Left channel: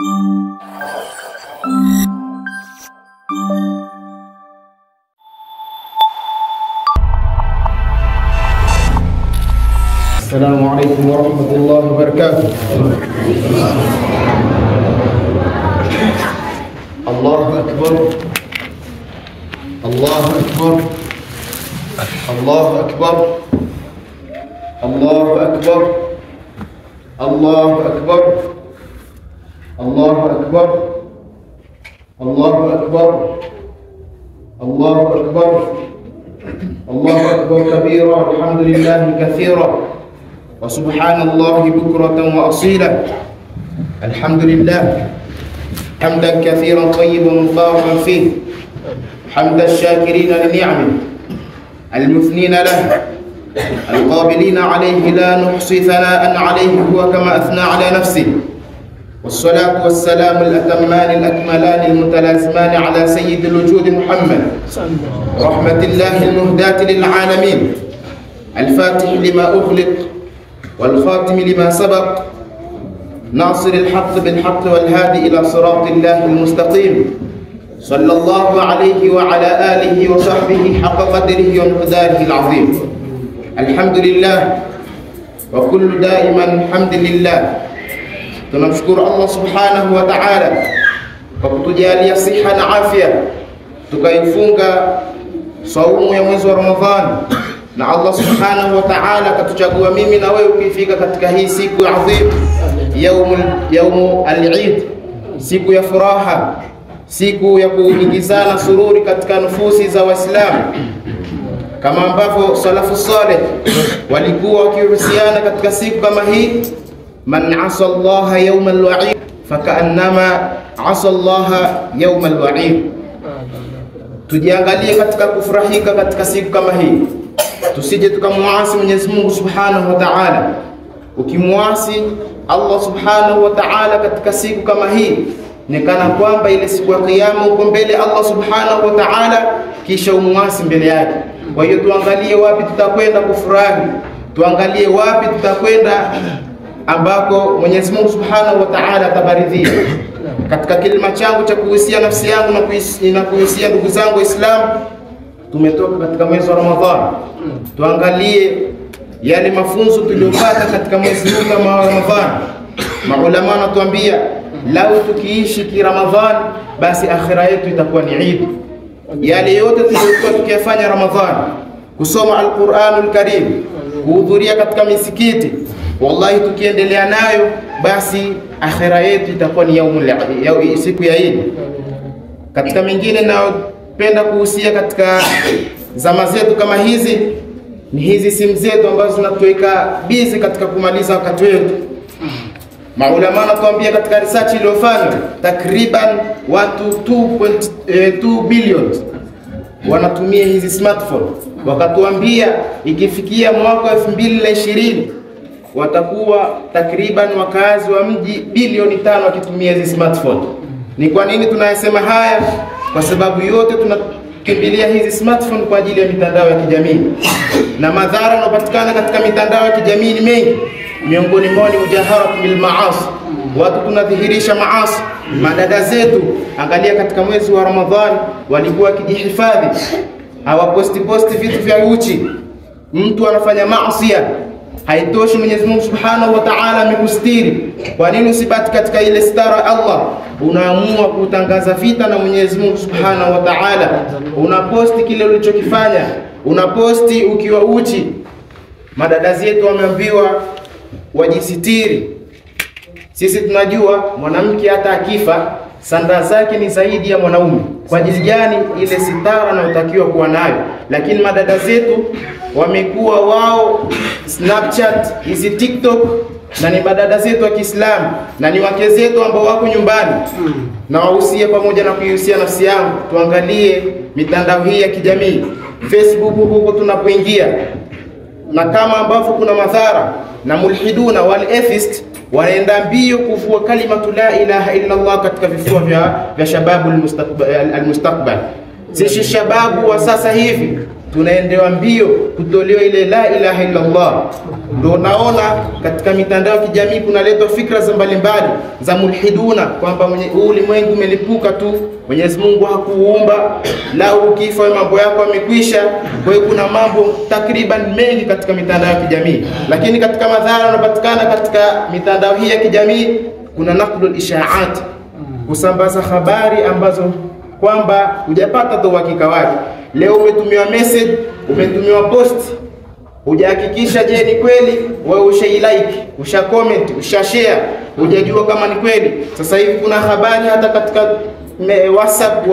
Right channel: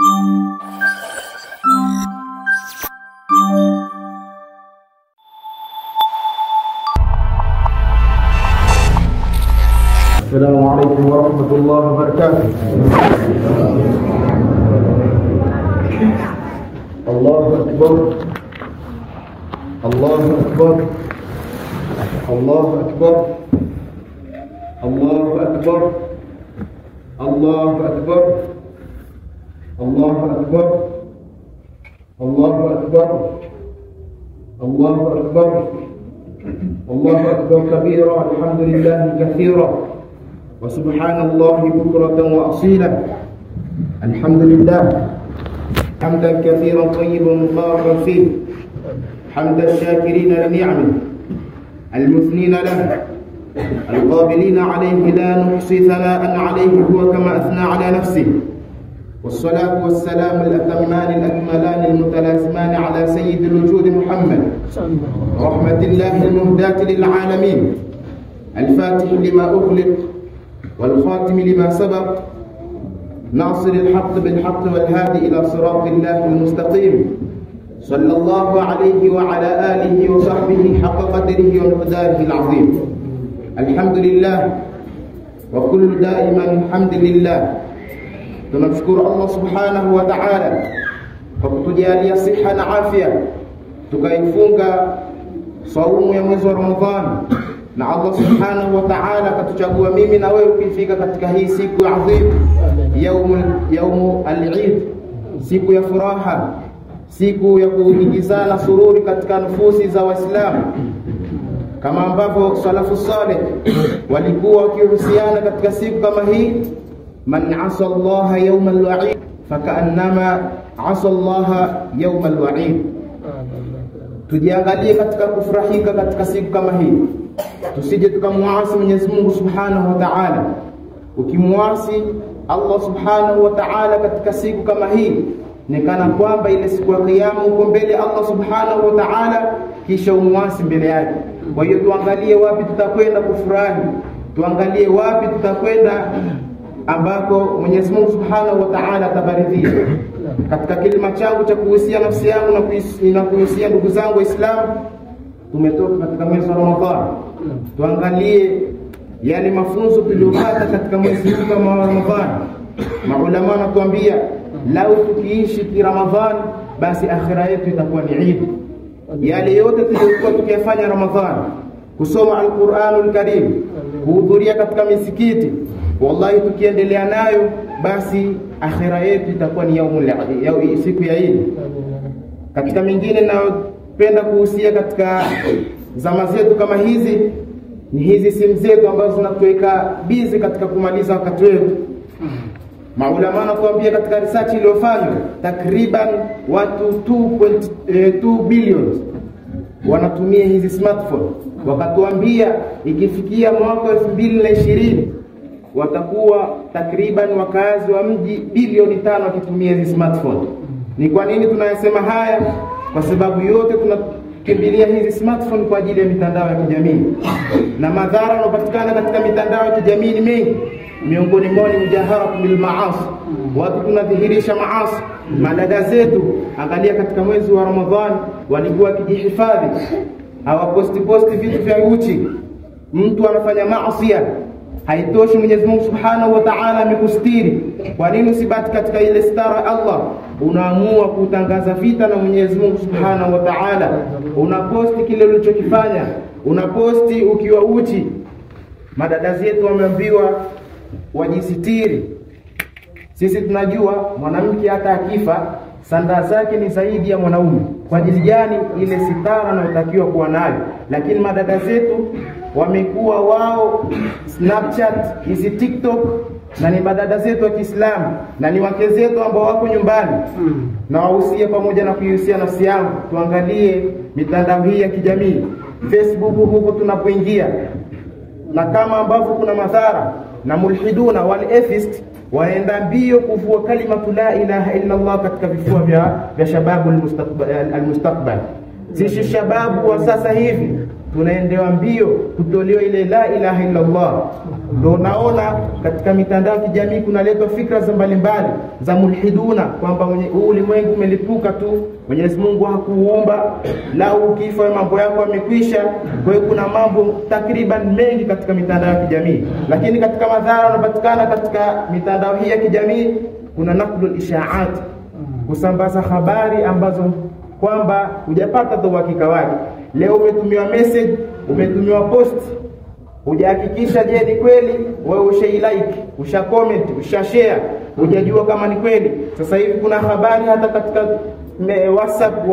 السلام عليكم ورحمة الله وبركاته. الله أكبر الله أكبر الله أكبر الله أكبر الله أكبر الله أكبر الله أكبر الله أكبر الله أكبر كبيرا الحمد لله كثيرا وسبحان الله بكرة وأصيلا. الحمد لله حمدا كثيرا طيبا مباركا فيه، حمد الشاكرين لنعمه المثنين له القابلين عليه لا نحصي ثناء عليه هو كما أثنى على نفسه. والصلاة والسلام الأتمان الأكملان المتلازمان على سيد الوجود محمد رحمة الله المهداة للعالمين، الفاتح لما أغلق والخاتم لما سبق، ناصر الحق بالحق والهادي إلى صراط الله المستقيم، صلى الله عليه وعلى آله وصحبه حق قدره ومقداره العظيم. الحمد لله وكل دائما الحمد لله. Tunamshukuru Allah subhanahu wa ta'ala kwa kutujalia siha na afya tukaifunga saumu ya mwezi wa Ramadhani, na Allah subhanahu wa ta'ala katuchagua mimi na wewe ukifika katika hii siku adhim, yaumu al-Eid, siku ya furaha, siku ya kuingizana sururi katika nufusi za Waislamu, kama ambavyo salafu saleh walikuwa wakihusiana katika siku kama hii. Man asa Allah yawm al-wa'id fakaannama asa Allah yawm al-wa'id. Tujiangalie katika kufurahika katika siku kama hii, tusije tukamuasi Mwenyezi Mungu Subhanahu wa Ta'ala. Ukimuasi Allah Subhanahu wa Ta'ala katika siku kama hii, ni kana kwamba ile siku ya kiyama uko mbele Allah Subhanahu wa Ta'ala, kisha umuasi mbele yake. Kwa hiyo tuangalie wapi tutakwenda kufurahi, tuangalie wapi tutakwenda ambako Mwenyezi Mungu Subhanahu wa Ta'ala atabaridhia. Katika kilima changu cha kuhusia nafsi yangu na kuhusia ndugu zangu Waislamu, tumetoka katika mwezi wa Ramadhani, tuangalie yale mafunzo tuliyopata katika mwezi huu kama wa Ramadhani. Maulama wanatuambia lau tukiishi ki Ramadhani, basi akhira yetu itakuwa ni Eid. Yale yote tuliyokuwa tukiyafanya Ramadhani, kusoma Al-Qur'anul Karim, kuhudhuria katika misikiti, wallahi tukiendelea nayo, basi akhira yetu itakuwa ni siku ya Eid. Katika mengine na penda kuhusia katika zama zetu kama hizi, ni hizi simu zetu ambazo zinatuweka busy katika kumaliza wakati wetu. Maulama wanatuambia katika research iliyofanywa, takriban watu 2.2 billion wanatumia hizi smartphone. Wakatuambia ikifikia mwaka 2020 watakuwa takriban wakazi wa mji bilioni 5 wakitumia hizi smartphone. Ni kwa nini tunayasema haya? Kwa sababu yote tunakimbilia hizi smartphone kwa ajili ya mitandao ya kijamii, na madhara yanayopatikana katika mitandao ya kijamii ni mengi. Miongoni mwao ni mujaharat bil maasi, watu tunadhihirisha maasi. Madada zetu, angalia katika mwezi wa Ramadhani walikuwa wakijihifadhi, hawaposti vitu vya uchi. Mtu anafanya maasi, haitoshi Mwenyezi Mungu Subhanahu wa Ta'ala amekustiri. Kwa nini usibaki katika ile stara Allah? Unaamua kutangaza vita na Mwenyezi Mungu Subhanahu wa Ta'ala, unaposti kile ulichokifanya, unaposti ukiwa uchi. Madada zetu wameambiwa wajisitiri. Sisi tunajua mwanamke hata akifa sanda zake ni zaidi ya mwanaume. Kwa ajili gani? Ile sitara anayotakiwa kuwa nayo. Lakini madada zetu wamekuwa wao Snapchat, hizi TikTok, na ni madada zetu wa Kiislamu na ni wake zetu ambao wako nyumbani. Na wahusia pamoja na kuihusia nafsi yangu, tuangalie mitandao hii ya kijamii, Facebook huko tunapoingia, na kama ambavyo kuna madhara na mulhiduna wal atheist wanaenda mbio kuvua kalimatu la ilaha illa Allah katika vifua vya shababu almustaqbal. Sisi shababu wa sasa hivi tunaendewa mbio kutolewa ile la ilaha illa Allah. Ndio naona katika mitandao ya kijamii kunaletwa fikra za mbalimbali za mulhiduna kwamba ulimwengu umelipuka tu, Mwenyezi Mungu hakuumba, la ukifa mambo yako yamekwisha. Kwa hiyo kuna mambo takriban mengi katika mitandao ya kijamii, lakini katika madhara yanayopatikana katika mitandao hii ya kijamii kuna naqlul ishaat, kusambaza habari ambazo kwamba hujapata tu uhakika wake. Leo umetumiwa message, umetumiwa post, hujahakikisha je ni kweli, wewe ushailike, usha comment, usha share, hujajua kama ni kweli. Sasa hivi kuna habari hata katika WhatsApp,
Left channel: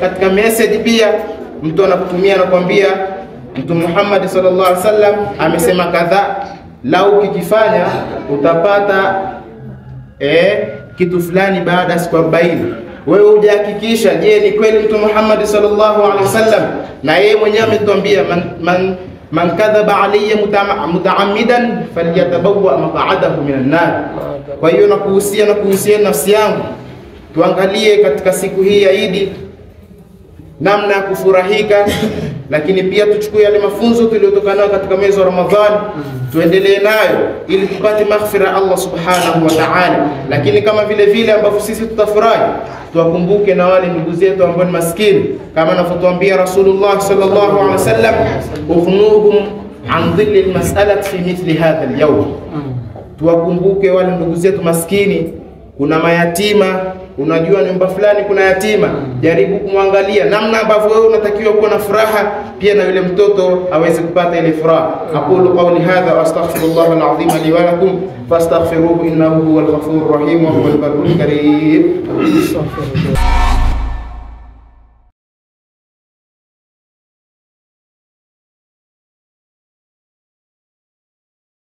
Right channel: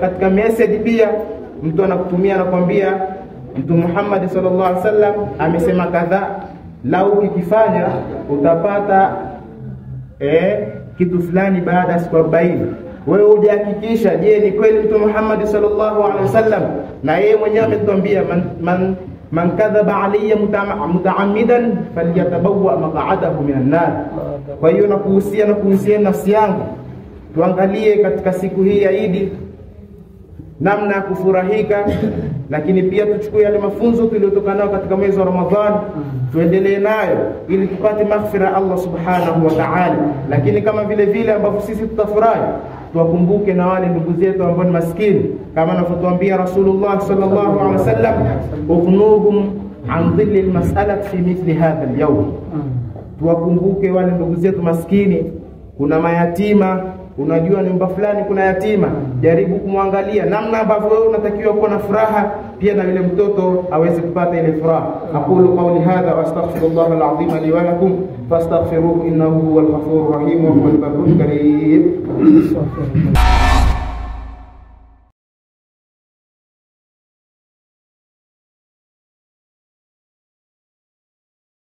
katika message pia mtu anakutumia anakuambia Mtume Muhammad sallallahu alaihi wasallam amesema kadha, lau ukikifanya utapata kitu fulani baada ya siku 40. Wewe hujahakikisha je ni kweli Mtume Muhammad sallallahu alaihi wasallam, na yeye mwenyewe ametuambia man kadhaba alayya mutaammidan falyatabawwa maq'adahu minan nar. Kwa hiyo nakuhusia nafsi yangu tuangalie katika siku hii ya Eid namna ya kufurahika, lakini pia tuchukue yale mafunzo tuliyotoka nayo katika mwezi wa Ramadhani tuendelee nayo ili tupate maghfira Allah subhanahu wa ta'ala. Lakini kama vile ambavyo sisi tutafurahi, tuwakumbuke na wale ndugu zetu ambao ni maskini, kama anavyotuambia Rasulullah sallallahu alaihi wasallam, ukhnuhum an dhilli almas'alati fi mithli hadha alyawm. Tuwakumbuke wale ndugu zetu maskini. Kuna mayatima, unajua nyumba fulani kuna yatima, jaribu kumwangalia namna ambavyo wewe unatakiwa kuwa na furaha, pia na yule mtoto aweze kupata ile furaha. Aqulu qawli hadha wa astaghfirullah alazim li wa lakum fastaghfiruhu innahu huwal ghafurur rahim wa huwal barrul karim.